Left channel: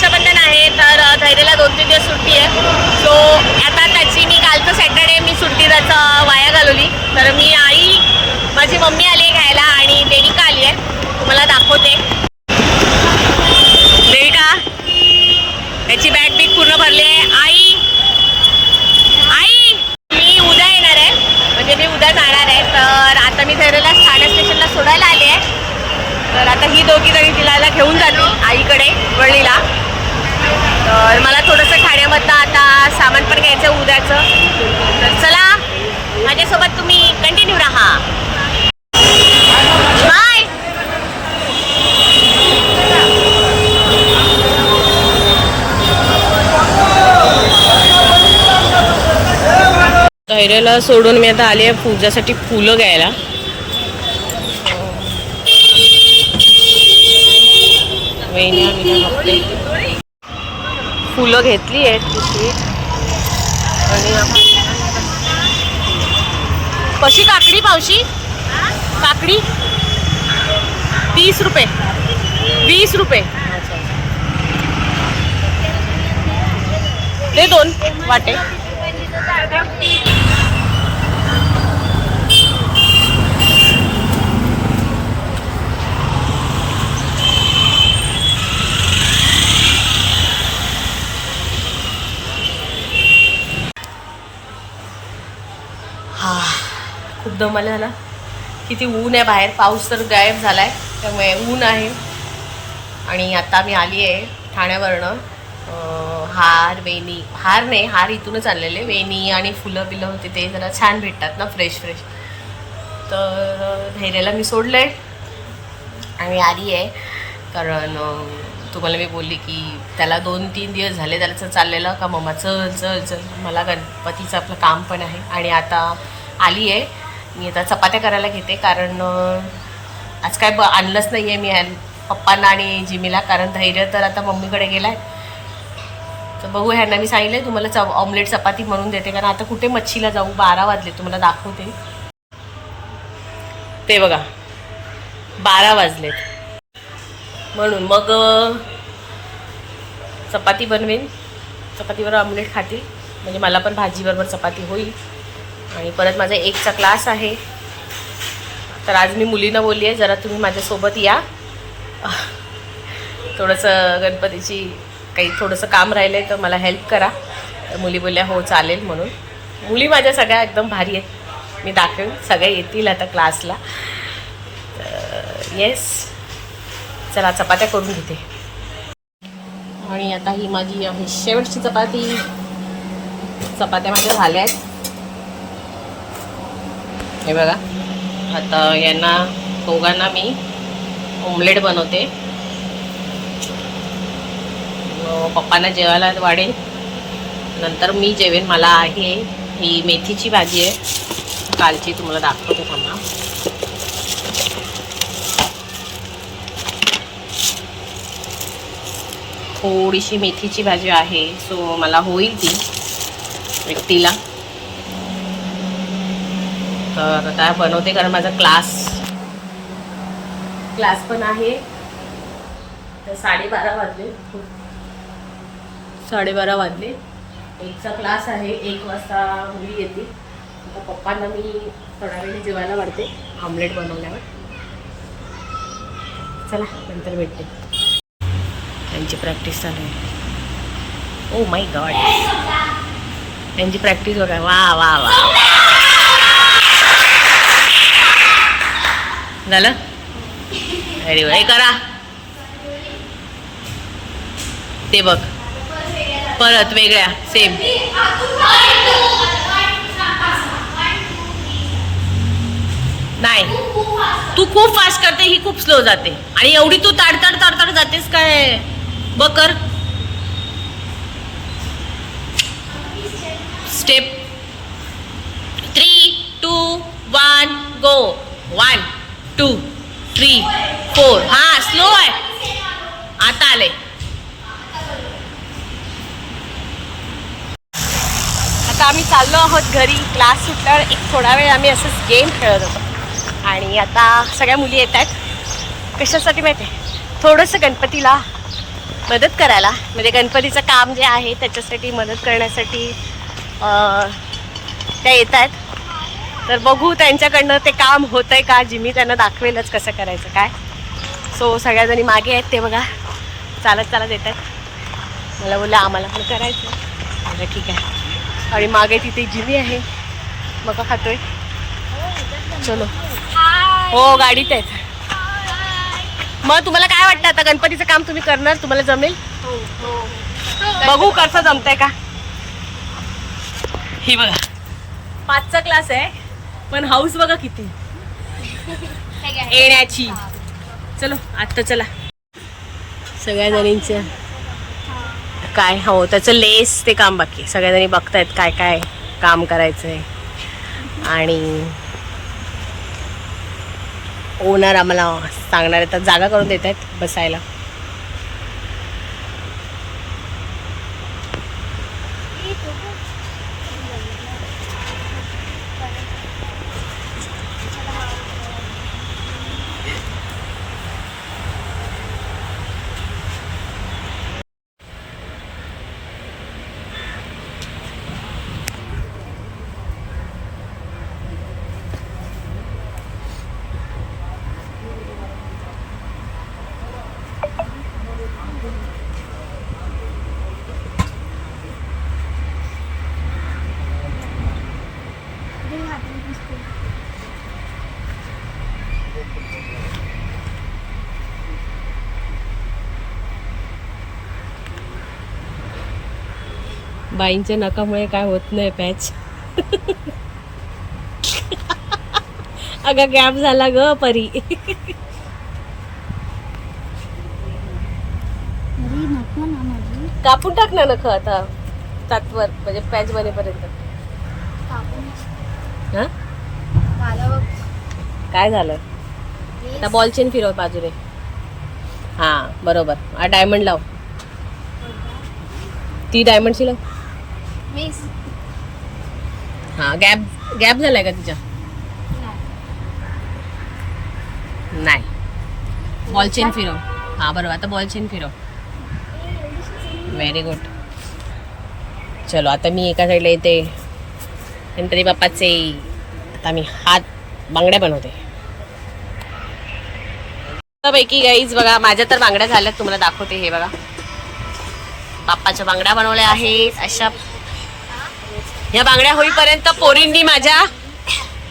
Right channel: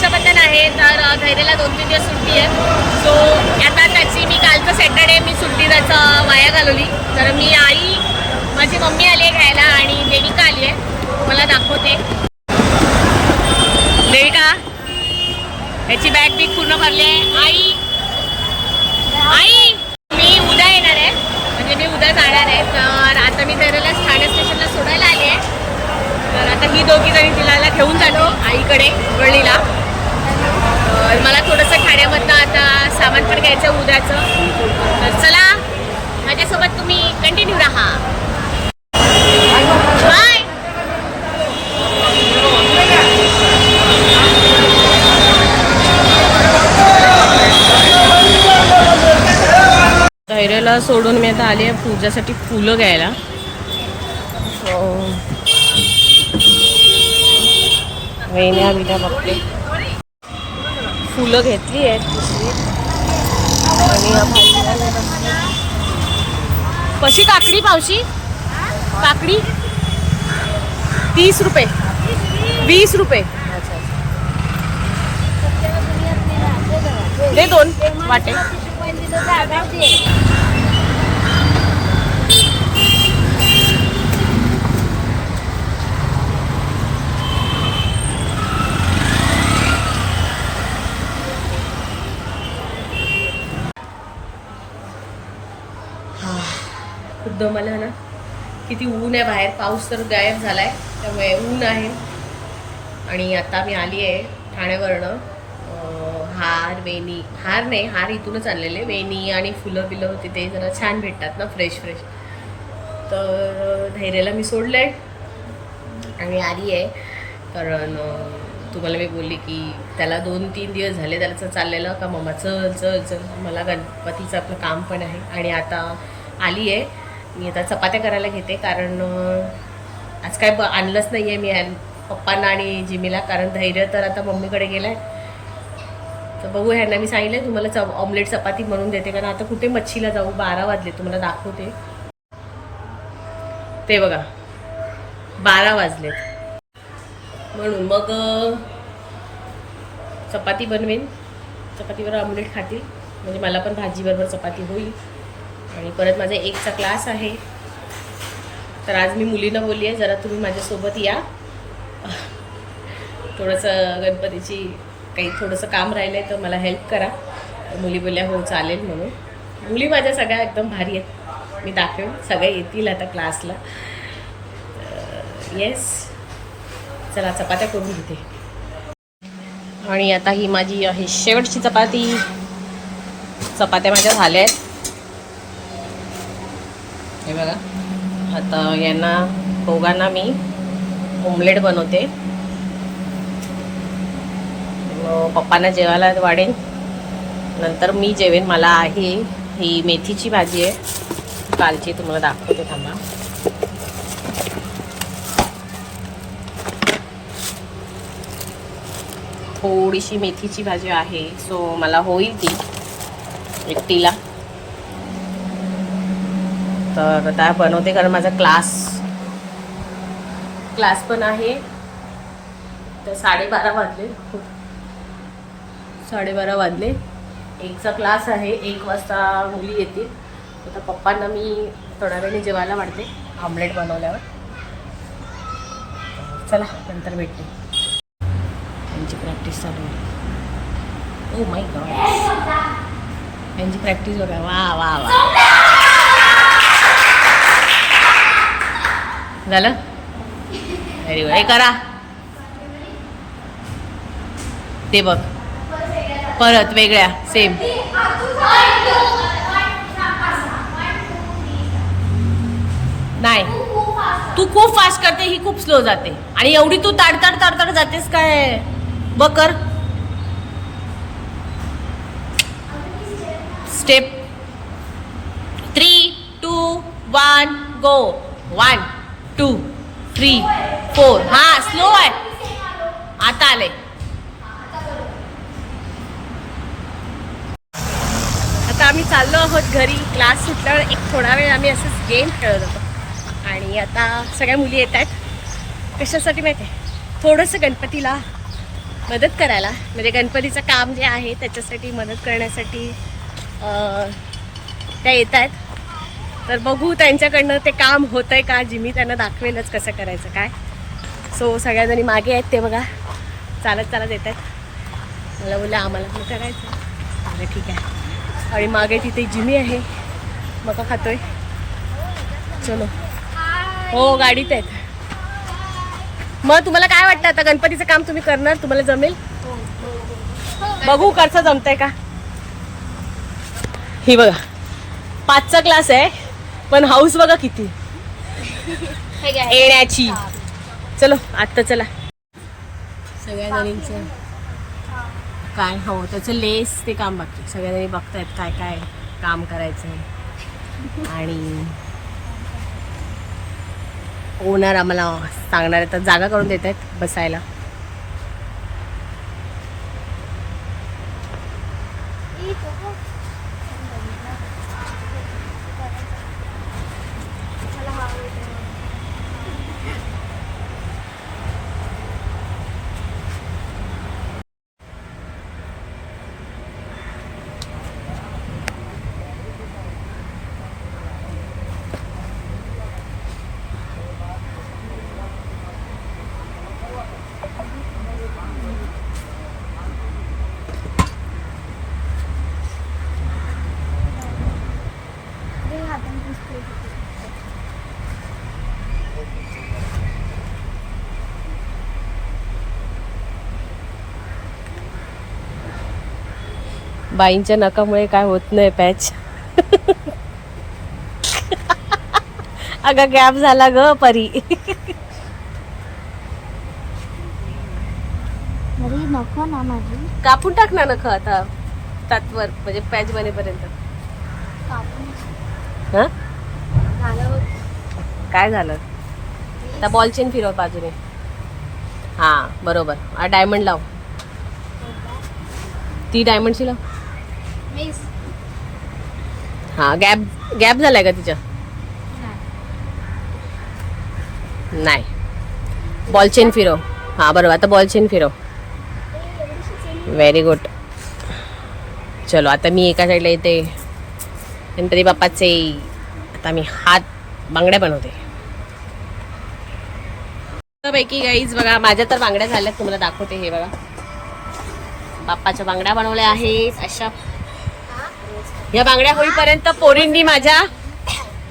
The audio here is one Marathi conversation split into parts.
रक्षाबंधन आहे तर धैर्याला दोन तीन दिवस सुट्टी आहे. सो आता त्याची मी कालचं सॅटर्डे मी सुट्टी त्याचं वाया घालवली. तर मी आई माझी मम्मी आली आहे घ्यायला आणि देविका आली आहे. तुम्हाला दाखवते. देविका याची बॅग बीग पूर्ण भरली आहे. आई आई मी उद्या येणार आहे. म्हणजे मी उद्या जाणार आहे. तर आता मी धैर्याला ठाणे स्टेशनला सोडायला आली आहे. तर आता ही दोघी जणी तिला घेऊन जातील आईकडे वळलीला तर मला थोडंसं ठाण्यामधनं आता सामान पण घ्यायचं उद्याचं. तर चला माझ्यासोबत तुम्ही कंटिन्यू राहा. बाय धैर्याला सोडून मी आता आली आहे पूजासाठी फुलं घ्यायला. हो. बघते फुलं घेतली आहेत पिशवीत आणि. कशी काकडी पावशी काकडी? तीस रुपये. वीस रुपये. अच्छा अच्छा. दे दोन वाटे. खूप मला आला ना किती ऊन आहे बाहेर. पाऊस तर गायब झाला आहे त्यामुळे ऊन आहे. आणि आता मी आली आहे ठाण्यावरनं हार वेणी हार नाही हार इथूनच आणलेले. वेणी आणि फुलं बिलं होते ते जरा छान भेटतात ना फ्रेश फ्रेश तर धैर्याला मी सोडलं आहे आणि आली आहे कारण तुम्हाला मी बोलली की त्याला दोन तीन दिवस झाले त्याला चाललेलं का? मम्मा चल चल चल. मला गणपतीचं आपलं काम पण आहे. आणि आता आली आहे मी आता चपात्या करायला घेते कारण आज काय ब आणलंच नाही आहे मी पप्पांना आणि जिमीला कारण धैर्य तर आता मम्मीकडे गेला आहे तर बघू ह्यांना मी सांगितलं तुम्हाला च ऑमलेट चपाती म्हणून देते कारण आता कुठे मच्छीला जाऊ? बारा वाजले तुम्हाला दाखवते. ते बघा बारा वाजलेत. म्हणून मग चपाती बनवेन. चपातीवर ऑमलेट खातील. म्हणजे मला पण भाजीबरोबर चपाती होईल. आणि परत माझा एकचा क्लास आहे. तर आज मी मुलीनं बोलली आहे जरा तुम्ही माझ्यासोबत या. थोडंसं गणपतीची काही थोडंसं काम राहिलं आहे तर मला हेल्प करा. तर मुली बोलल्या हो चालेल म्हणून. मुली माझ्या सगळ्या एकदम भारी आहेत. मी दाखवेन सगळ्या येतील आता क्लासला. येस चला चपात्या करून घेते. आणि आता ही माझी आहे शेवटची चपाती. चपात्या माझ्या झाल्या आहेत. हे बघा. आता यांना दोघांना मी ओमलेट बनवते. मग पप्पांना जेवायला वाढेन नंतर मी जेवेन. मला आहे ही मेथीची भाजी आहे. कालची तुम्हाला दाखवते थांबा. थोडीशी मेथीची भाजी आहे सो मला होईल ती व्यक्तीला. तर आता बनवते कारण माझा क्लास क्लास पण आहे. तर साडेबारा वाजले. साडेबारा वाजले. एकचा क्लास आहे एक वाजता मुली येतील. आता पप्पांना मी थोड्या वेळेने जेवायला वाढते ऑमलेट बनवल्यावर. चला नंतर भेटते. त्यांची प्रॅक्टिस चालू आहे. ओ माय गॉड त्यांची प्रॅक्टिस बघा. वा वा वा. झालं? अरे हे करा. ते बघ. परत वेगळ्या सेम नाही. तू खूप फास्ट करते ही खूप स्लो जाते. आणि एवढी तू ताडताड ताडताड जातेस काय? बघ कर. Step three two one go one two three four हा स्लो आहे. आता आले. आता आम्ही चाललो आहोत घरी. क्लास सुटल्यावर एक थोडा वेळ आम्ही असंच गेम खेळत होतो. आणि आता सगळ्या मुली येत आहेत. कशासाठी माहिती आहे? थोडंसं गणपतीला मदत करायला. म्हणजे गणपतीचं काम जे आहे त्याच्यासाठी मदत करण्यासाठी त्या येत आहेत. तर बघू त्यांच्याकडनं ते काम होतं आहे का? जिमी त्यांना दाखवेलच कसं करायचं काय? सो सगळ्याजणी मागे आहेत ते बघा. चालत चालत येत आहेत मला बोललं आम्हाला पण करायचं आहे ठीक आहे. आणि मागे तिथे जिमी आहे. मका खातोय. चलो. हो गाडीत आहेत. मग तुम्हाला काय वाटतं? आता गणपतीचं काम तुम्ही करणार? तुम्हाला जमेल? बघू कसं जमतंय का? ही बघा. पाचचा क्लास आहे. पण हाऊस बघा किती. येण्याची. चलो आत्ता चला. सगळ्या जणींचं काय हो त्याचं लेस ते काम बाकी. सगळ्या जणी बघतायत काय काय काम करायचंय. आणि ओनर आम्हाला सांगणार आहेत तर जागा करून देत आहेत बसायला. बाईंच्या नकामुळे काय होत नाही पॅच. अगं गॅप झाला ग परी. अरे नको ना माझी. कापून टाक ना नख आता तात्वर म्हणजे पॅच बनेपर्यंत. हा? काय झालं? आता बॉल चेन फिरव बाजूने. हा बरोबर. हा डायमंड लाव. ती डायमंडची लाव. मिस हा गॅप गॅप झालाय का तिच्या? नाही. बॉल चेन फिरव. हा बरोबर. आता बॉल चेन फिरव. व्हेरी गुड चलो आता मी एका साईडला येते. गणपती बाप्पाचे आता मी हात बांगड्या बनवते. पैकी गाईज बघा माझ्या तर बांगड्या झाल्यात. तुम्हाला दाखवते हे बघा. बाप्पाच्या बांगड्या बनवल्या आहेत. अशा या बांगड्या होईपर्यंत पोरींनी माझ्या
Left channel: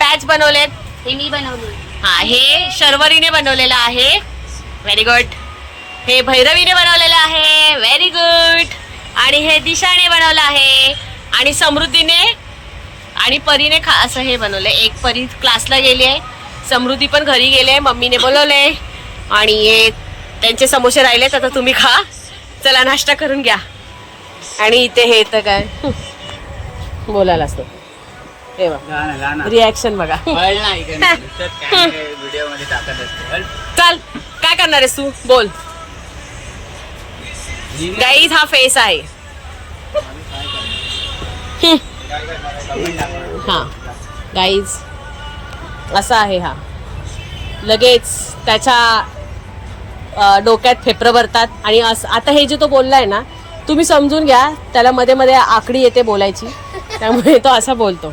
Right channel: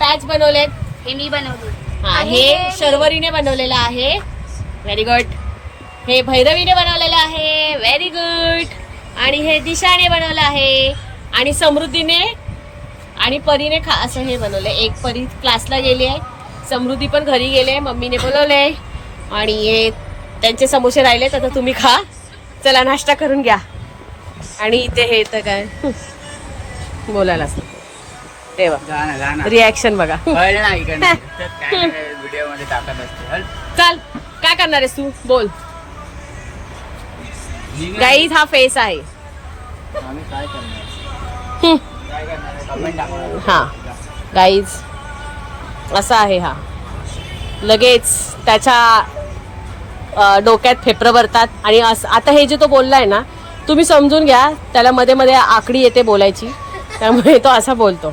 पॅच बनवलेत. हे मी बनवली. हा हे शर्वरीने बनवलेलं आहे. व्हेरी गुड हे भैरवीने बनवलेलं आहे. व्हेरी गुड आणि हे दिशाने बनवलं आहे. आणि समृद्धीने आणि परीने खा असं हे बनवलं एक परी क्लासला गेली आहे. समृद्धी पण घरी गेली आहे. मम्मीने बोलवलंय. आणि हे त्यांचे समोसे राहिलेत. आता तुम्ही खा. चला नाश्ता करून घ्या. आणि इथे हे तर काय? बोलायलाच नको. हे गाणं रिॲक्शन बघा. चल काय करणार आहेस तू? बोल. गाईज हा फेस आहे. हा. गाईज असा आहे हा. लगेच त्याच्या डोक्यात फेफरं भरतात. आणि असं आता हे जे तो बोललाय ना तुम्ही समजून घ्या त्याला मध्ये मध्ये आकडी येते बोलायची. त्यामुळे तो असा बोलतो.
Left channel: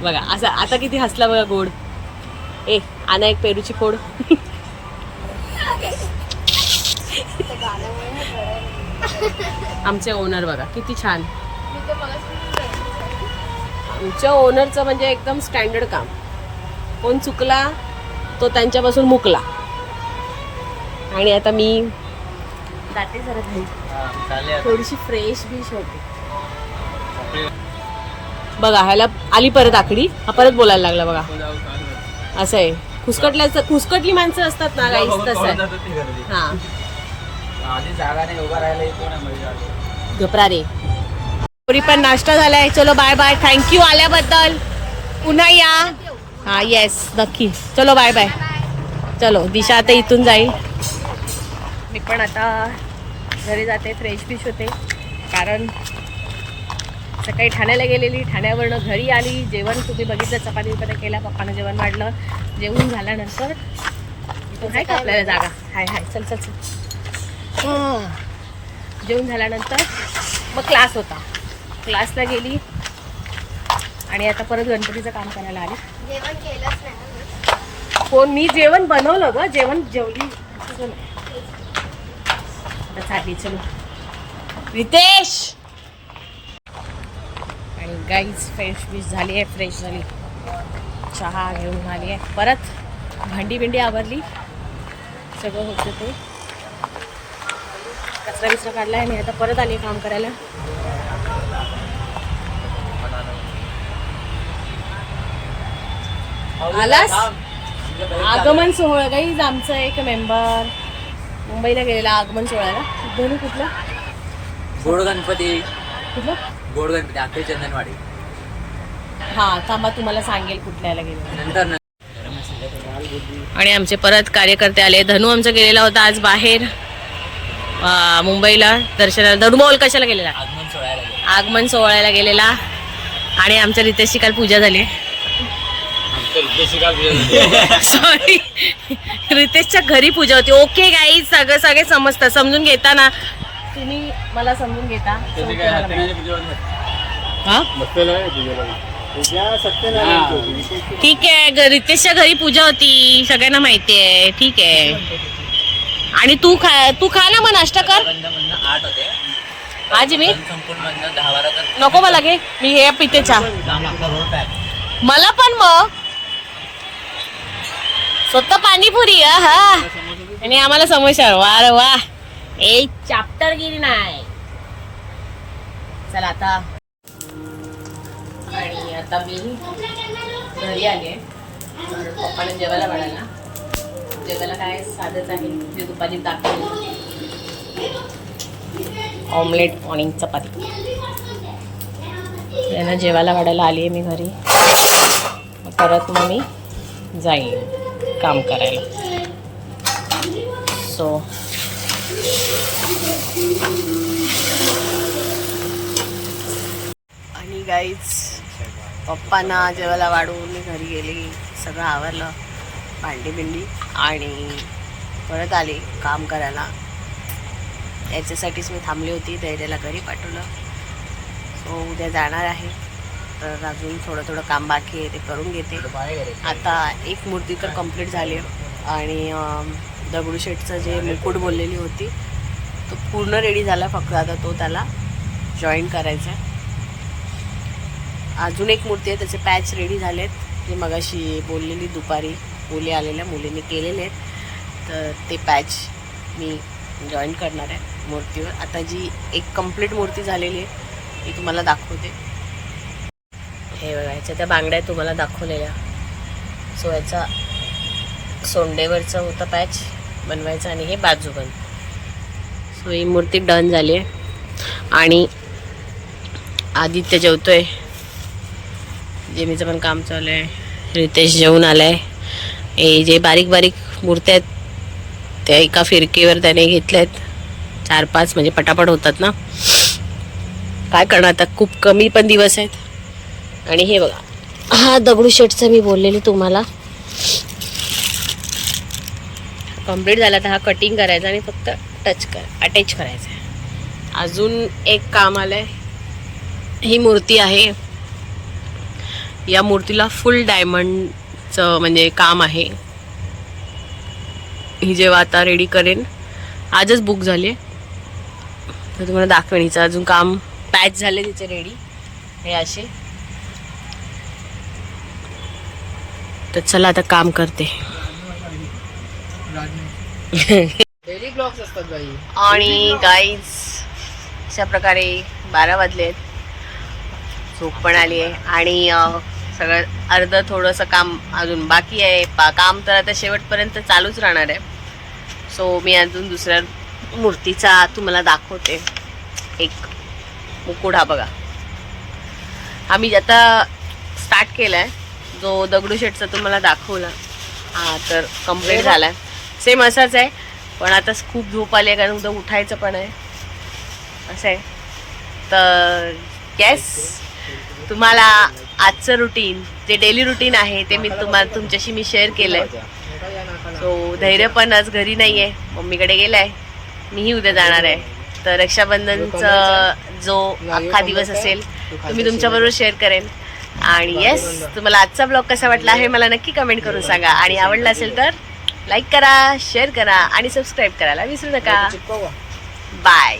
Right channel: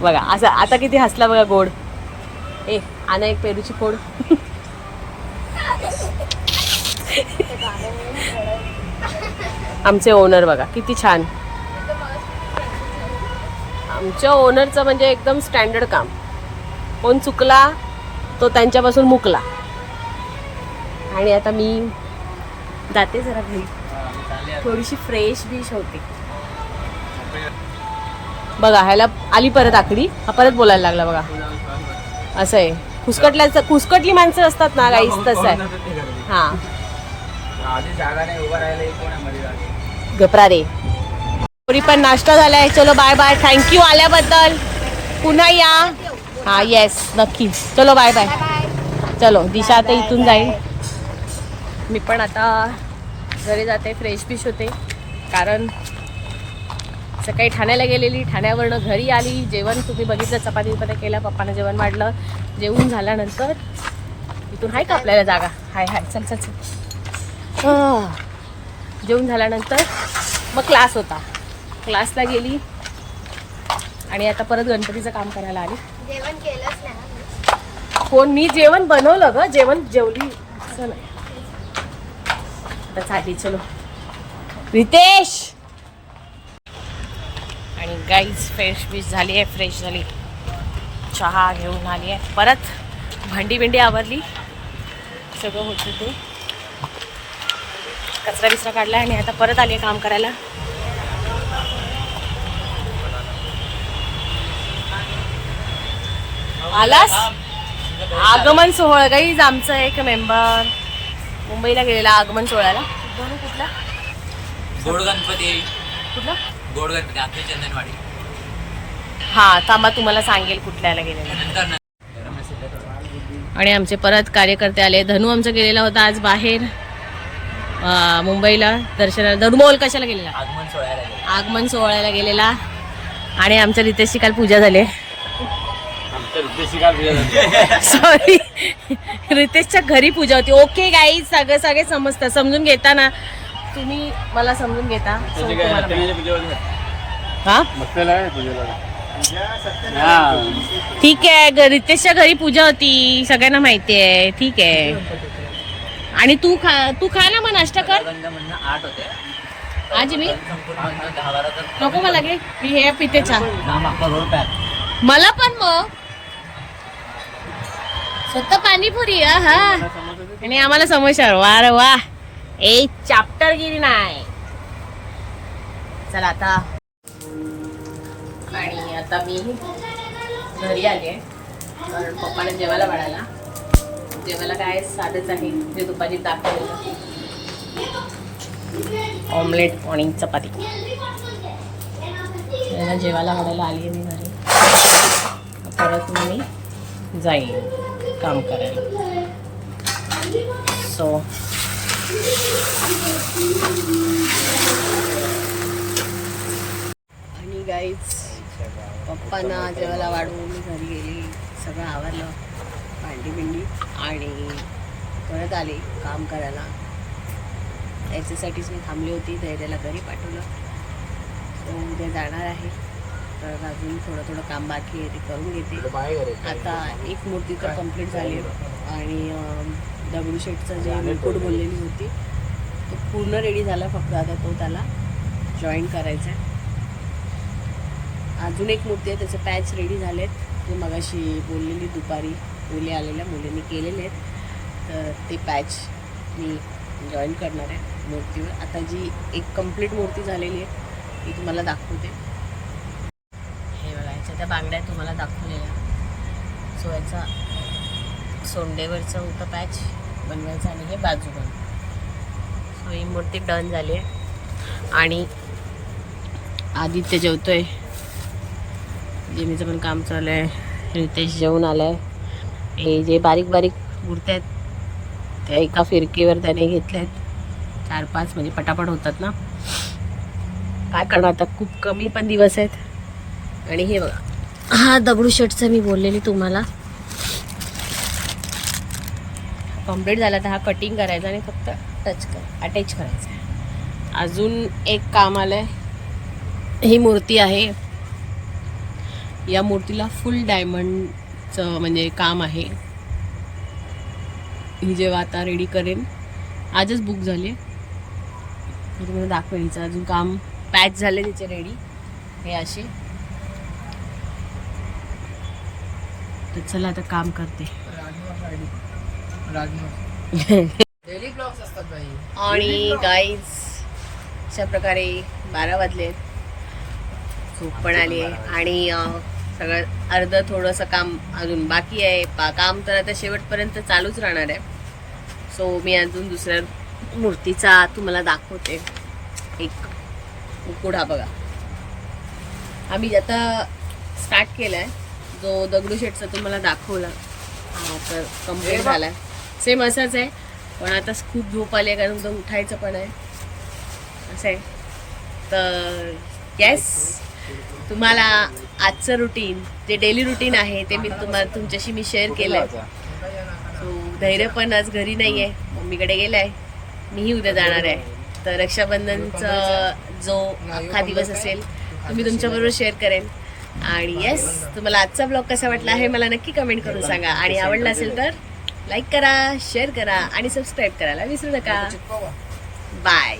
बघा असं आता किती हसला बघा गोड. ए आणा एक पेरूची फोड. आमचे ओनर बघा किती छान. आमच्या ओनरचं म्हणजे एकदम स्टँडर्ड काम. कोण चुकला तो त्यांच्यापासून मुकला. आणि आता मी जाते जरा घरी. हा, चालेल. थोडीशी फ्रेश बिश होते. बघा ह्याला आली परत आकडी. हा परत बोलायला लागला बघा. शकत. असं आहे. खुसकटल्याचं खुसकटली माणसं असतात ना गाईस तसं. हा. आधी जागा नाही उभा राहायला हे कोण आहे मध्ये जागा? घबरा रे. पोरी पण नाश्ता झालाय. चलो बाय बाय थँक्यू आल्याबद्दल. पुन्हा या. हा येस नक्की. चलो बाय बाय चलो दिशा आता इथून जाईल. मी पण आता घरी जाते फ्रेश फिश होते. कारण सकाळी ठाण्याला गेलेली ठाण्यावरनं घरी आली. जेवण तुम्ही बघितलं चपाती बिपाती केला पप्पानं जेवण वाढलं. जेवून झाल्यानंतर इथून आहे का आपल्याला जागा? हाय हाय चल चल चल. जेवून झाल्यानंतर मग क्लास होता. क्लासला गेली आणि आता परत गणपतीचं काम करायला आली. जेवण केलंच नाही मी. कोण मी जेवण बनवलं ग. जेवण जेवली. असं नाही. चालली चलो. रितेश! आणि गाईज फ्रेश बिश झाली आहे फ्रेश झाली. चहा घेऊन आली आहे. परत भांडी बिंडी आवरली. सगळं होतं ते. कचरा बिचरा काढला आणि आता परत आली आहे काम करायला. आलास? आगमन सोहळा गाईज आमचं एक मेंबर मुंबईला गेलेला आगमन सोहळ्याला. कुठला? गोड गणपती. कुठला? गोड गणपती अखेर चंदनवाडी. हा थांबा तुम्हाला सांगेल कुठल्याला गेलेला. नंतर न- आणि आमचे परत कार्यकर्ते आले. धनू आमचा गेलेला होता आज बाहेर. अं, मुंबईला दर्शनाला. धनू बोल कशाला गेलेला? आगमन सोहळ्याला गेलो. आगमन सोहळ्याला गेलेला. आणि आमच्या रितेशची काल पूजा झाली. सॉरी रितेशच्या घरी पूजा होती. ओके गाई सगळं सगळे समजतात. समजून घेता ना तुम्ही मला समजून घेता. So तुम्हाला माहिती. हा. ठीक आहे. ग- रितेशच्या घरी पूजा होती. सगळ्यांना माहिती आहे. ठीक आहे. आणि तू खा तू खा ना मग नाश्ता कर. बंधमधनं आठ होते आज मी संपूर्ण बंद दहा बारा तर नको मला घे मी हे पिते चहा. नाम आपला रोल काय? मला पण मग. स्वतः पाणीपुरी हा हा आणि आम्हाला समोसा. वा वा. एक चॅप्टर गिरी नाही. चला आता. आणि आता मी घरी आले आहे. कारण जेवायला वाढायला. जेवायला काय साधंच आहे. जे दुपारी दाखवलं. ऑमलेट आणि चपाती. त्यांना जेवायला वाढायला आली आहे मी घरी. परत मग मी जाईन काम करायला. सो आणि गाईच पप्पांना जेवायला वाढवून मी घरी गेली. सगळं आवरलं भांडी बिंडी आणि परत आली काम करायला. याच्यासाठीच मी थांबली होती धैर्याला घरी पाठवलं. सो उद्या जाणार आहे. तर अजून थोडं थोडं काम बाकी आहे ते करून घेते. आता एक मूर्ती तर कंप्लीट झाली आहे. आणि दगडूशेठचं जे मुकुट बोललेली होती तो पूर्ण रेडी झाला फक्त. आता तो त्याला जॉईन करायचा आहे. अजून एक मूर्ती आहे त्याचे पॅच रेडी झालेत. ते मगाशी बोललेली दुपारी मुली आलेल्या मुलींनी केलेले आहेत. तर ते पॅच मी जॉईन करणार आहे मूर्तीवर. आता जी एक कंप्लीट मूर्ती झालेली आहे ती तुम्हाला दाखवते. याच्या त्या बांगड्या तुम्हाला दाखवलेल्या. सो याचा सोंडेवरचा होता पॅच बनवायचा आणि हे बाजू बन सो ही मूर्ती डन झाली आहे. आणि आदित्य जेवतोय. जेमीचं पण काम चालू आहे. रितेश जेवून आहे हे जे बारीक बारीक मूर्त्या आहेत त्या एका फिरकीवर त्याने घेतल्या आहेत. चार पाच म्हणजे पटापट होतात ना. काय करणार आता? खूप कमी पण दिवस आहेत. आणि हे बघा. हा दगडूशेठचा मी बोललेली तुम्हाला. कंप्लीट झाला तर हा कटिंग करायचा आणि फक्त टच कर अटॅच करायचा आहे. अजून एक काम आलंय. ही मूर्ती आहे. या मूर्तीला फुल डायमंडचं म्हणजे काम आहे. ही जेव्हा आता रेडी करेन आजच बुक झाली आहे तर तुम्हाला दाखवेन हिचं अजून काम पॅच झाले तिचे रेडी हे असे. तर चला आता काम करते. आणि गाईज अशा प्रकारे बारा वाजलेत. झोप पण आली आहे. आणि सगळं अर्ध थोडंसं काम अजून बाकी आहे. पा काम तर आता शेवटपर्यंत चालूच राहणार आहे. सो मी अजून दुसऱ्या मूर्तीचा तुम्हाला दाखवते. एक मुकुट हा बघा. आम्ही आता स्टार्ट केला आहे जो दगडूशेठचा तुम्हाला दाखवला. हा तर कंप्लीट झाला आहे सेम असाच आहे पण आता खूप झोप आली आहे कारण उद्या उठायचं पण आहे. असं आहे. तर येस तुम्हाला आजचं रुटीन जे डेली रुटीन आहे ते मी तुम्हाला तुमच्याशी मी शेअर केलंय. सो धैर्य पण आज घरी नाही आहे मम्मीकडे गेलाय. मीही उद्या जाणार आहे. तर रक्षाबंधनचा जो अख्खा दिवस असेल तुम्ही तुमच्याबरोबर शेअर करेन. आणि येस तुम्हाला आजचा ब्लॉग कसा वाटला हे मला नक्की कमेंट करून सांगा. आणि आवडला असेल तर लाईक करा शेअर करा आणि सबस्क्राईब करायला विसरू नका. बाय